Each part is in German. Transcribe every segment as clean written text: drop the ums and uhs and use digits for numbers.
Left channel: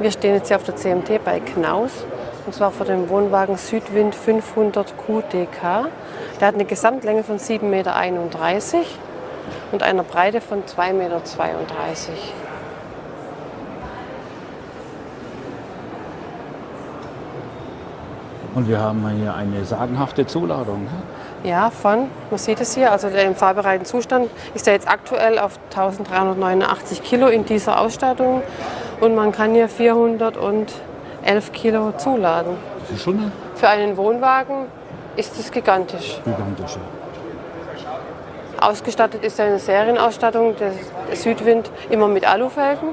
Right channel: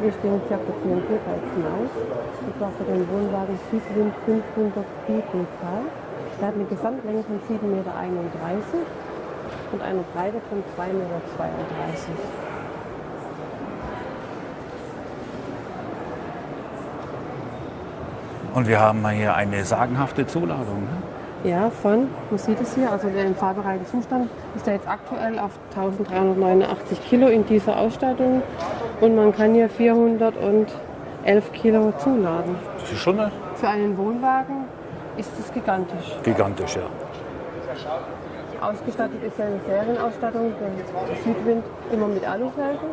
Wir stehen jetzt hier auf der CMT bei Knaus und zwar vor dem Wohnwagen Südwind 500 QDK. Der hat eine Gesamtlänge von 7,31 Meter und einer Breite von 2,32 Meter. Und wir haben hier eine sagenhafte Zuladung. Ne? Ja, man sieht es hier, also der im fahrbereiten Zustand ist er jetzt aktuell auf 1389 Kilo in dieser Ausstattung und man kann hier 411 Kilo zuladen. Das ist schon Für einen Wohnwagen ist es gigantisch. gigantisch, ja. Ausgestattet ist eine Serienausstattung, der Südwind immer mit Alufelgen.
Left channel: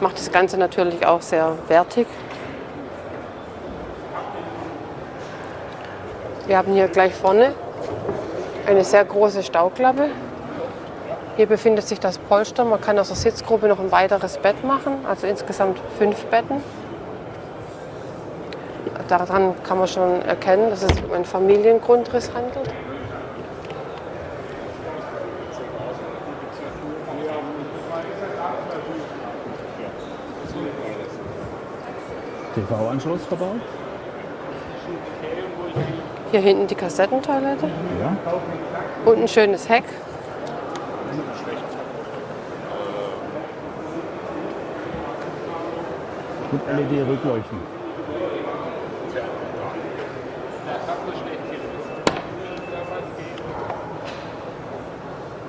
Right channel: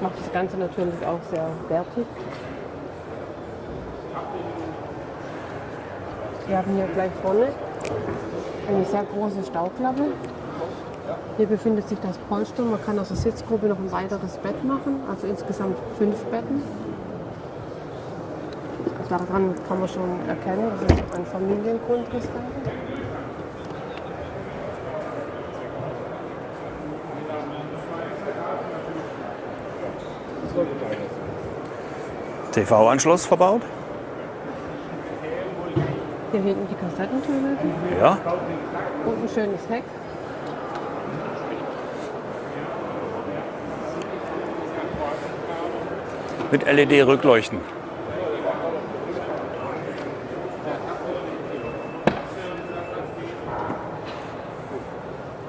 Macht das Ganze natürlich auch sehr wertig. Wir haben hier gleich vorne eine sehr große Stauklappe. Hier befindet sich das Polster. Man kann aus der Sitzgruppe noch ein weiteres Bett machen, also insgesamt 5 Betten. Daran kann man schon erkennen, dass es um einen Familiengrundriss handelt. TV-Anschluss verbaut. Hier hinten die Kassettentoilette Ja. und ein schönes Heck. Mit LED-Rückleuchten.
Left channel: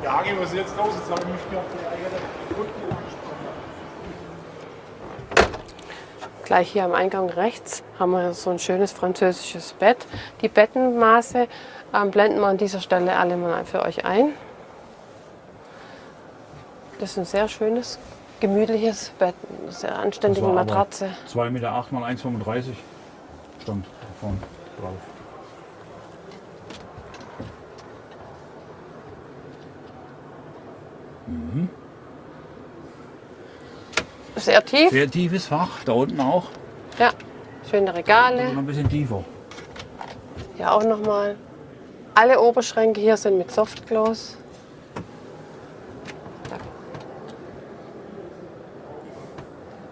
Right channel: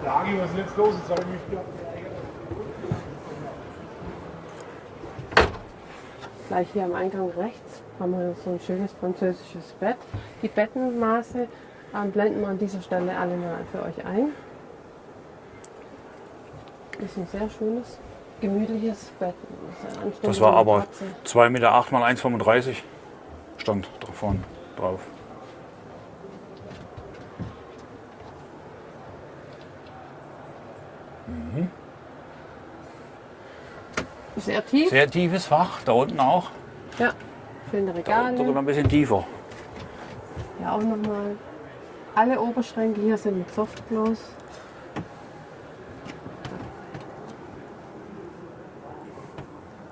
Ja, Agi, was ist jetzt los? Jetzt habe ich mich wieder Gleich hier am Eingang rechts haben wir so ein schönes französisches Bett. Die Bettenmaße blenden wir an dieser Stelle alle mal für euch ein. Das ist ein sehr schönes, gemütliches Bett, eine sehr Das anständige war aber Matratze. 2,8 Meter mal 1,35 stand davon drauf. Sehr tief, Sehr tiefes Fach, da unten auch. ja, schöne Oder Regale. noch ein bisschen tiefer. Hier auch nochmal. Alle Oberschränke hier sind mit Softclose.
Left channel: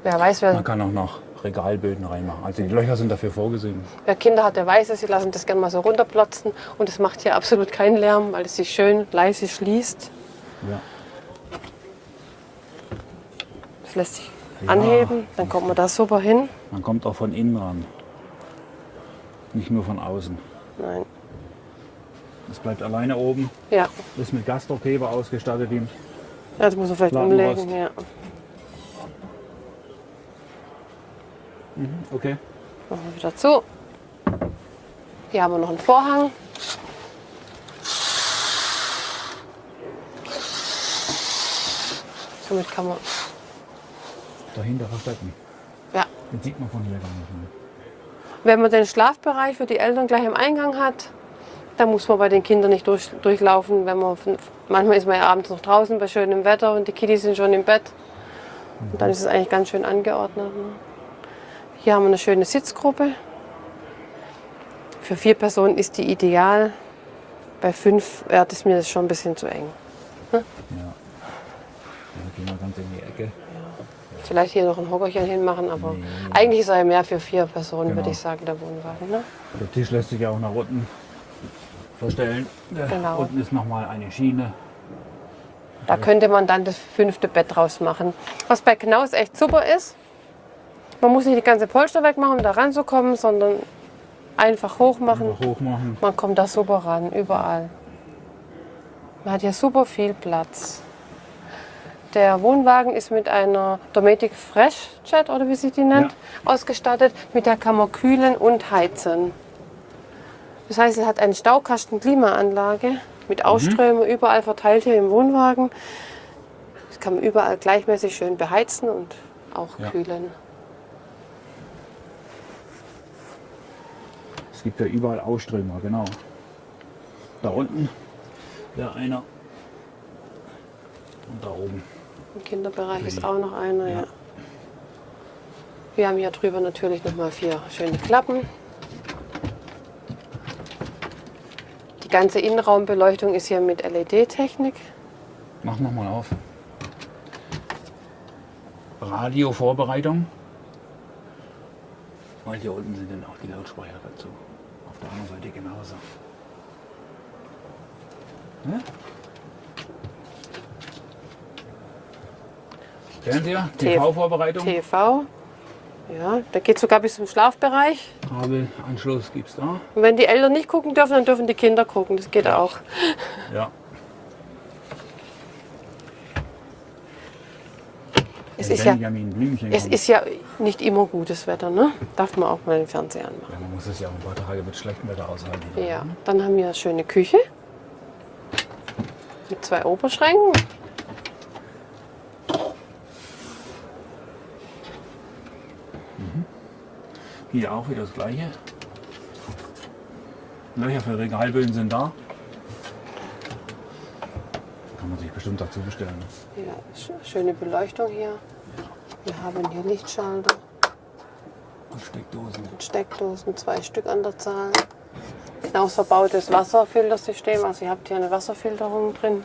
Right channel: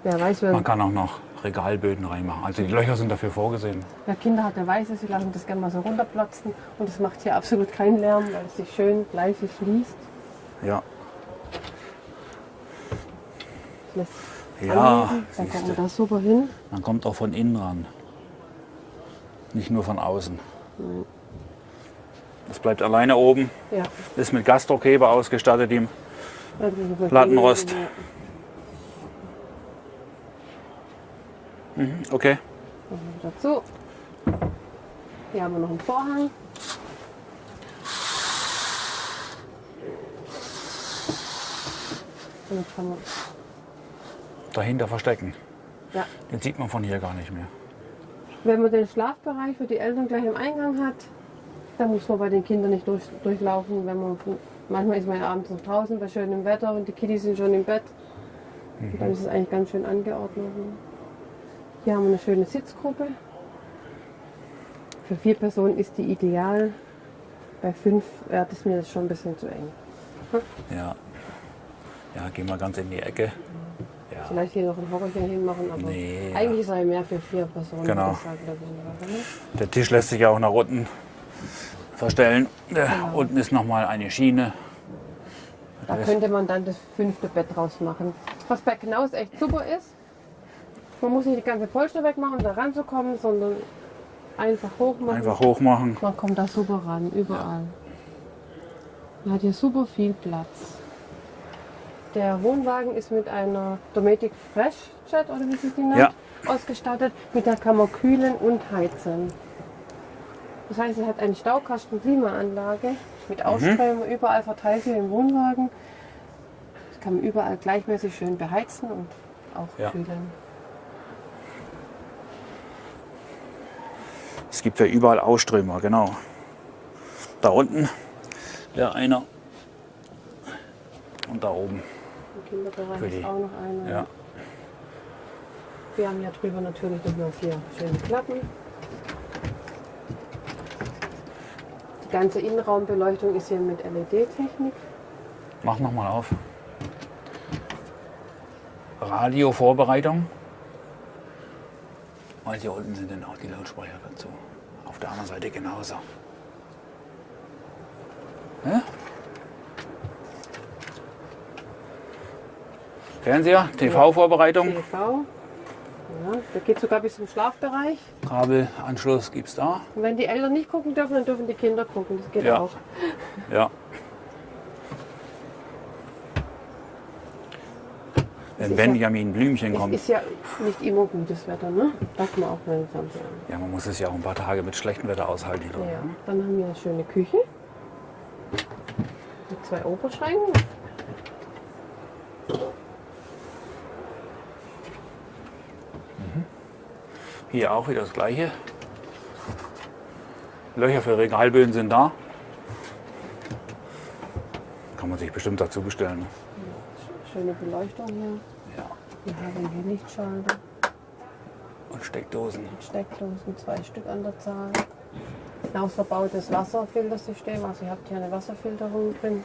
Wer weiß, Man kann auch noch Regalböden reinmachen. Also die Löcher sind dafür vorgesehen. wer Kinder hat, der weiß es. Sie lassen das gerne mal so runterplotzen. Und es macht hier absolut keinen Lärm, weil es sich schön leise schließt. Ja. Das lässt sich Ja, anheben. Dann kommt man da super hin. Man kommt auch von innen ran. Nicht nur von außen. Nein. Das bleibt alleine oben. Ja, Ist mit Gasdruckheber ausgestattet. ja das muss man vielleicht Lattenrost. umlegen, ja. Okay. Machen wir wieder zu. Hier haben wir noch einen Vorhang. Somit kann man, Dahinter verstecken. ja, Den sieht man von hier gar nicht mehr. wenn man den Schlafbereich für die Eltern gleich im Eingang hat, dann muss man bei den Kindern nicht durchlaufen. Manchmal ist man ja abends noch draußen bei schönem Wetter und die Kiddies sind schon im Bett. Und dann ist es eigentlich ganz schön angeordnet. Ne? Hier haben wir eine schöne Sitzgruppe. Für 4 Personen ist die ideal. Bei 5 wäre das mir schon ein bisschen zu eng. Ja. Ja, gehen wir ganz in die Ecke. Vielleicht hier noch ein Hockerchen hinmachen, aber Nee, eigentlich ist er mehr für 4 Personen, Genau. würde ich sagen, der Wohnwagen. Ne? Der Tisch lässt sich ja auch nach unten verstellen. Genau. Unten ist noch mal eine Schiene. Da könnte man dann das 5. Bett draus machen. Was bei Knaus echt super ist, man muss nicht die ganze Polster wegmachen, um da ranzukommen, sondern einfach hoch machen. Einfach hoch machen. Man kommt da super ran, überall. Man hat hier super viel Platz. Der Wohnwagen ist mit einer Dometic FreshJet, oder wie sich die nennt, ausgestattet. Mit der kann man kühlen und heizen. Das heißt, es hat eine Staukasten-Klimaanlage mit Ausströmer überall verteilt hier im Wohnwagen. Das kann man überall gleichmäßig schön beheizen und auch Ja. kühlen. Es gibt ja überall Ausströmer, genau. Da unten wäre einer. Und da oben. Im Kinderbereich Für ist die- auch noch einer. Ja. Ja. Wir haben hier drüber natürlich noch mal 4 schöne Klappen. Die ganze Innenraumbeleuchtung ist hier mit LED-Technik. Mach noch mal auf. Radiovorbereitung. Weil hier unten sind dann auch die Lautsprecher dazu. Auf der anderen Seite genauso. Ja? Fernseher, TV-Vorbereitung. TV. Ja, da geht sogar bis zum Schlafbereich. Kabelanschluss gibt es da. Und wenn die Eltern nicht gucken dürfen, dann dürfen die Kinder gucken. Das geht Ja. auch. Ja. Es Wenn ist ja- Benjamin Blümchen Es kommt. ist ja nicht immer gutes Wetter, ne? Darf man auch mal den Fernseher anmachen. Ja, man muss es ja auch ein paar Tage mit schlechtem Wetter aushalten. Ja, dann haben wir eine schöne Küche mit 2 Oberschränken. Hier auch wieder das gleiche. Löcher für Regalböden sind da. Kann man sich bestimmt dazu bestellen. Ja, schöne Beleuchtung hier. Wir haben hier Lichtschalter, Und Steckdosen. Steckdosen, 2 Stück an der Zahl. Hinaus verbautes Wasserfiltersystem. Also ihr habt hier eine Wasserfilterung drin.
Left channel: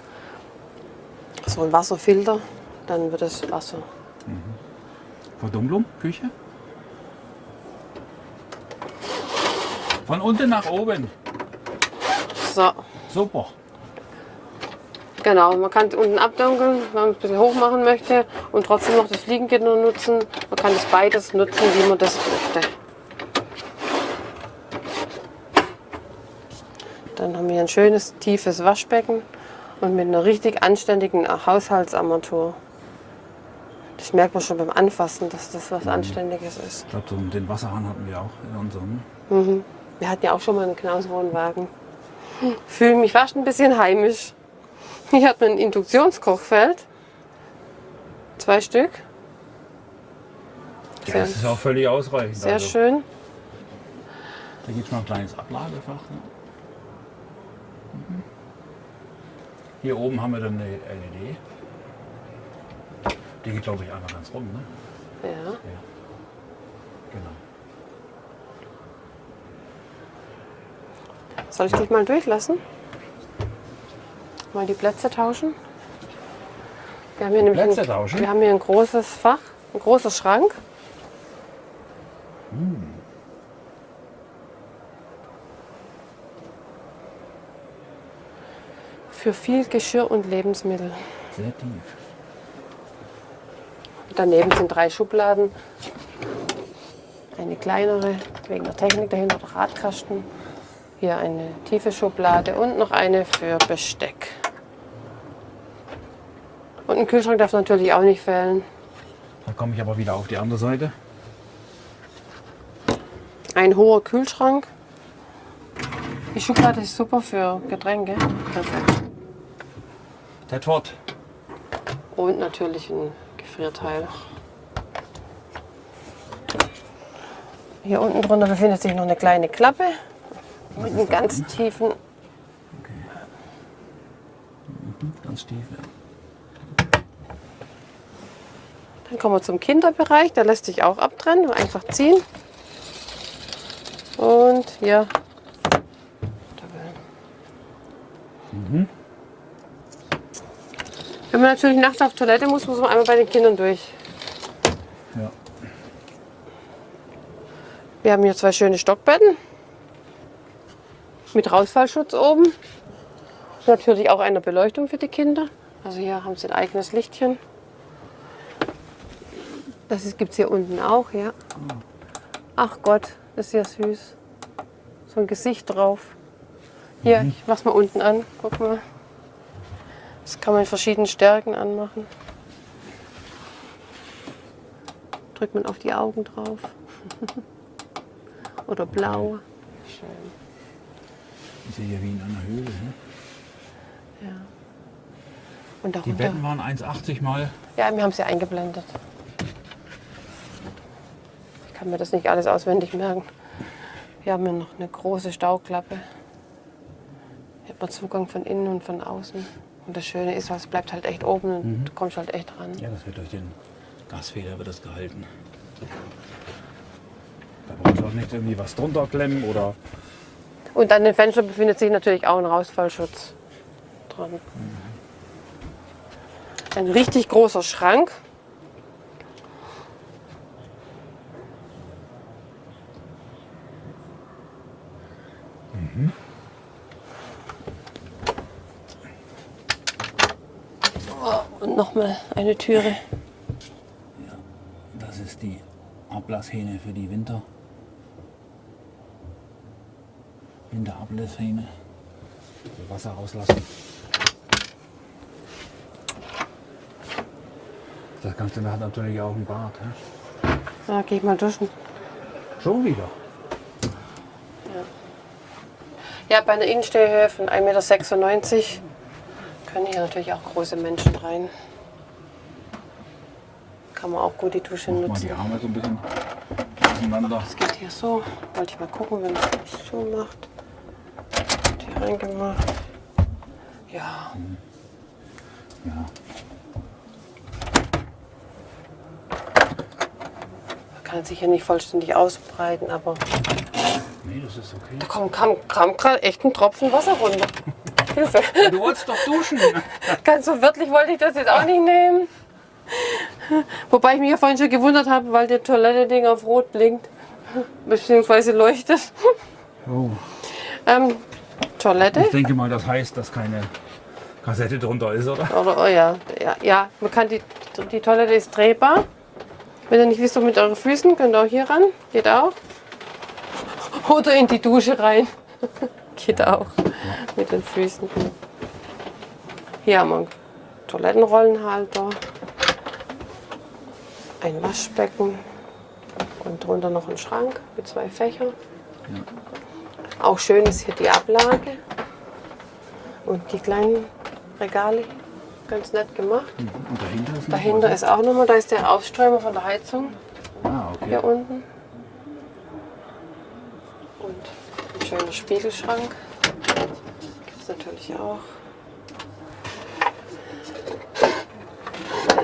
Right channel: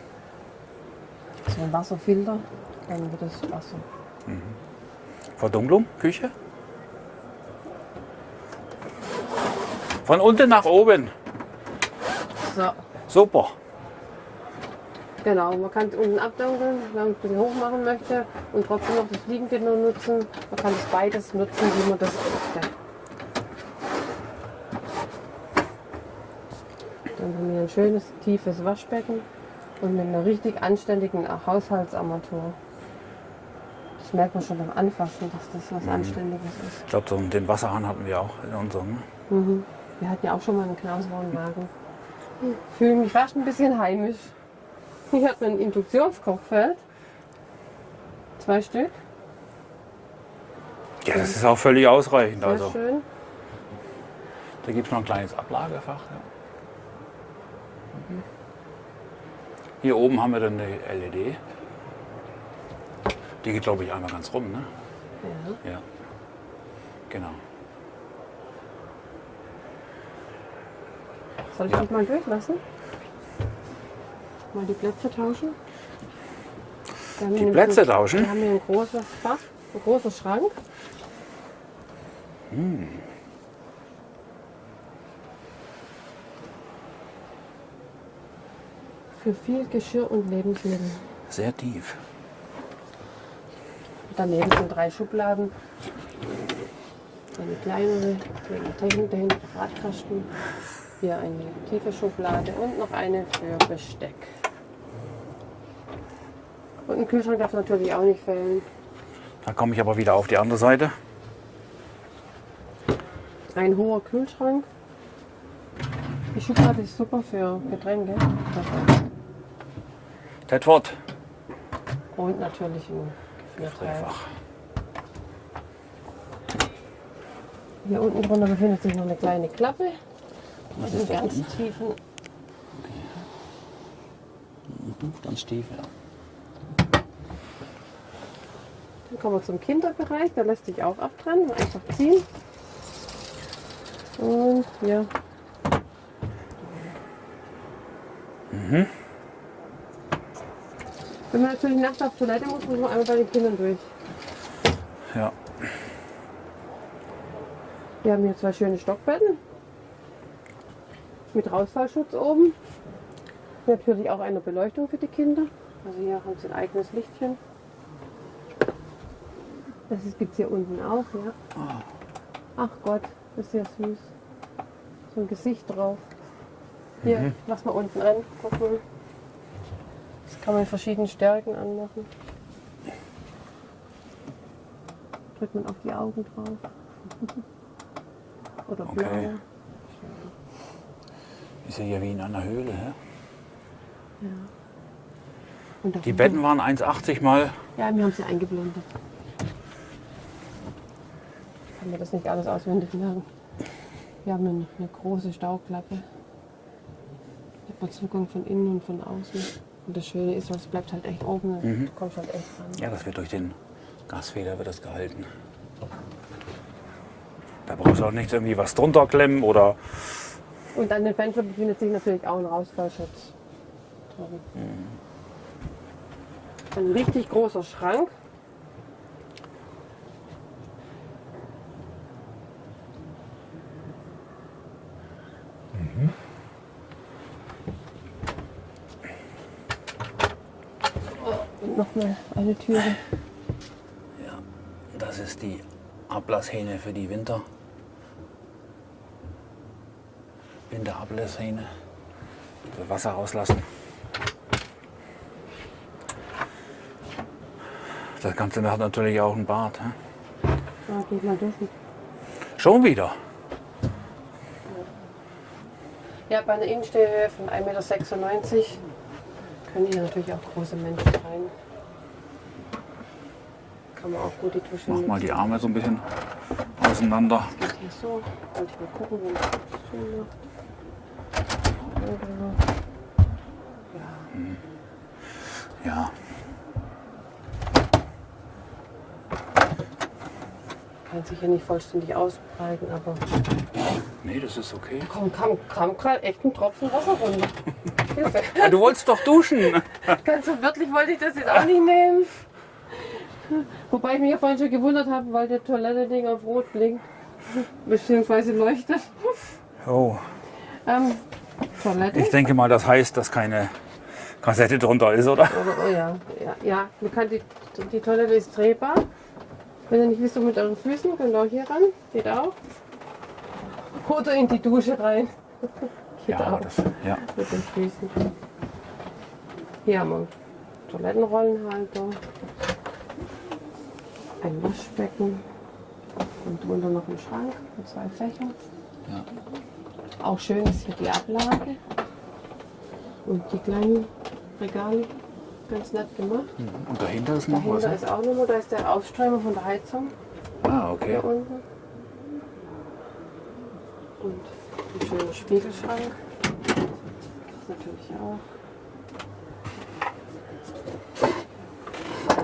So ein Wasserfilter, dann wird das Wasser. Verdunklung, Küche. Von unten nach oben. So, Super. genau. Man kann unten abdunkeln, wenn man es ein bisschen hoch machen möchte und trotzdem noch das Fliegengitter nutzen. Man kann das beides nutzen, wie man das möchte. Dann haben wir ein schönes, tiefes Waschbecken und mit einer richtig anständigen Haushaltsarmatur. Das merkt man schon beim Anfassen, dass das was Anständiges ist. Ich glaube, so den Wasserhahn hatten wir auch in unserem. Wir hatten ja auch schon mal einen Knauswohnwagen. Fühle mich fast ein bisschen heimisch. Hier hat man ein Induktionskochfeld. 2 Stück. Ja, das ist auch völlig ausreichend. Sehr also. schön. Da gibt es noch ein kleines Ablagefach. Ja. Hier oben haben wir dann eine LED. Die geht, glaube ich, einmal ganz rum. Ne? Ja. Ja. Genau. Soll ich dich mal durchlassen? Mal die Plätze tauschen? Wir haben hier nämlich Plätze tauschen? Wir haben hier ein großes Fach, ein großer Schrank. Für viel Geschirr und Lebensmittel. Sehr tief. Daneben sind 3 Schubladen. Eine kleinere wegen der Technik dahinter, der Radkasten. Hier eine tiefe Schublade und noch eine für Besteck. Und ein Kühlschrank darf natürlich auch nicht fehlen. Da komme ich aber wieder auf die andere Seite. Ein hoher Kühlschrank. Die Schublade ist super für Getränke. Perfekt. Tedford. Und natürlich ein Gefrierteil. Hier unten drunter befindet sich noch eine kleine Klappe. Mit einem ganz tiefen. Ganz tief, ja. Dann kommen wir zum Kinderbereich. Der lässt sich auch abtrennen. Einfach ziehen. Und hier. Wenn man natürlich nachts auf Toilette muss, muss man einmal bei den Kindern durch. Ja. Wir haben hier 2 schöne Stockbetten. Mit Rausfallschutz oben. Natürlich auch eine Beleuchtung für die Kinder. Also hier haben sie ein eigenes Lichtchen. Das gibt es hier unten auch, ja. Ach Gott, das ist ja süß. So ein Gesicht drauf. Hier, ich mach's mal unten an. Guck mal. Das kann man in verschiedenen Stärken anmachen. Drückt man auf die Augen drauf. Oder blau. Okay. Schön. Ist ja hier wie in einer Höhle. Hä? Ja. Und Die darunter- Betten waren 1,80 mal. Ja, wir haben sie eingeblendet. Ich kann mir das nicht alles auswendig merken. Wir haben hier noch eine große Stauklappe. Hier hat man Zugang von innen und von außen. Und das Schöne ist, es bleibt halt echt oben und du kommst halt echt ran. Ja, das wird durch den Gasfeder wird das gehalten. Da brauchst du auch nicht irgendwie was drunter klemmen oder. Und an den Fenstern befindet sich natürlich auch ein Rausfallschutz dran. Ein richtig großer Schrank. Und nochmal eine Türe. Ja, das ist die Ablasshähne für die Winterablasshähne. Für Wasser rauslassen. Das Ganze hat natürlich auch ein Bad. Hä? Ja, geh ich mal duschen. Schon wieder. Ja, bei einer Innenstehhöhe von 1,96 Meter können hier natürlich auch große Menschen rein. Kann man auch gut die Dusche Mach nutzen. mal die Arme so ein bisschen auseinander. Das geht hier so. Wollte ich mal gucken, wenn man das so macht. Hier reingemacht. Ja. Ja, Kann sich hier nicht vollständig ausbreiten, aber nee, das ist okay. da kam gerade echt ein Tropfen Wasser runter. Hilfe. Du wolltest doch duschen. Ganz so wörtlich wollte ich das jetzt auch nicht nehmen. Wobei ich mich ja vorhin schon gewundert habe, weil der Toilette-Ding auf Rot blinkt. Beziehungsweise leuchtet. Oh. Toilette? Ich denke mal, das heißt, dass keine Kassette drunter ist, oder? Oder, oh ja, man kann die Toilette ist drehbar. Wenn ihr nicht wisst, mit euren Füßen, könnt ihr auch hier ran. Geht auch. Oder in die Dusche rein. Geht Ja, auch. Ja. Mit den Füßen. Hier haben wir einen Toilettenrollenhalter. Ein Waschbecken. Und drunter noch ein Schrank mit 2 Fächern. Ja. Auch schön ist hier die Ablage. Und die kleinen Regale. Ganz nett gemacht. Und dahinter ist noch Dahinter was? ist auch nochmal, da ist der Ausströmer von der Heizung. Ah, okay. Hier unten. Und ein schöner Spiegelschrank. Gibt es natürlich auch.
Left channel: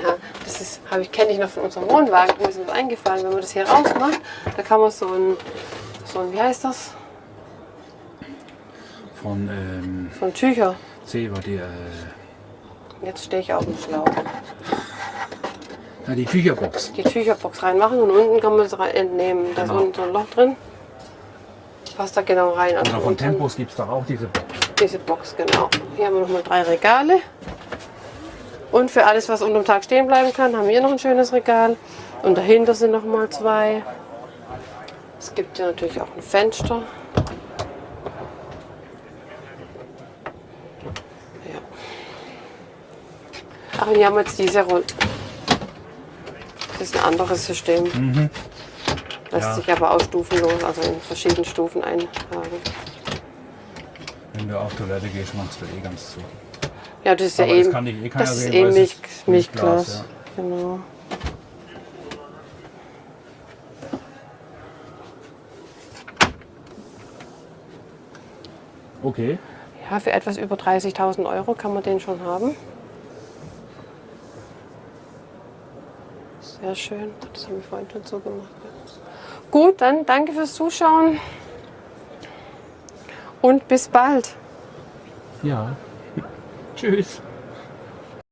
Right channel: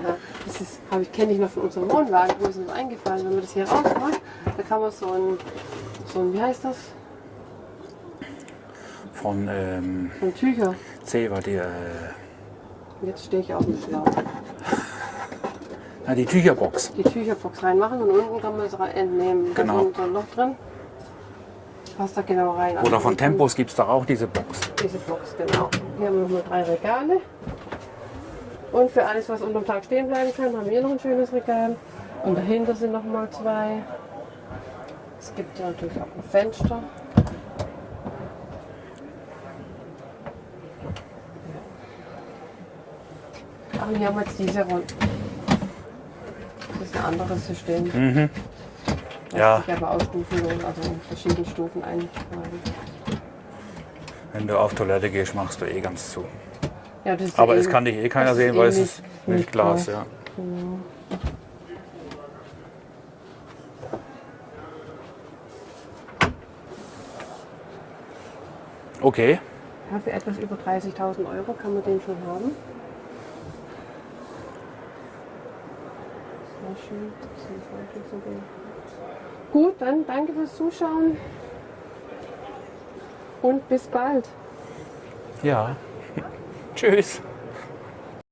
Ja, das ist, kenne ich noch von unserem Wohnwagen. Da ist mir eingefallen, wenn man das hier rausmacht, da kann man so ein wie heißt das? Von So ein Tücher. C war die, Jetzt stehe ich auf dem Schlauch. die Tücherbox. Die Tücherbox reinmachen und unten kann man es entnehmen. Da Genau. ist so ein Loch drin. Passt da genau rein. Also Oder von unten Tempos gibt es doch auch diese Box. Diese Box, genau. Hier haben wir nochmal 3 Regale. Und für alles, was unterm Tag stehen bleiben kann, haben wir hier noch ein schönes Regal. Und dahinter sind nochmal 2. Es gibt hier natürlich auch ein Fenster. Ja. Ach, und hier haben wir jetzt diese Rolle. Das ist ein anderes System. Lässt Ja. sich aber auch stufenlos, also in verschiedenen Stufen eintragen. Wenn du auf Toilette gehst, machst du eh ganz zu. Ja, das ist Aber ja das kann dich eh keiner das sehen, ist weil eh es ist Milchglas. Ja. Genau. Okay. Ja, für etwas über 30.000 € kann man den schon haben. Sehr schön. Das haben wir vorhin schon so gemacht. Gut, dann danke fürs Zuschauen und bis bald. Ja. Tschüss.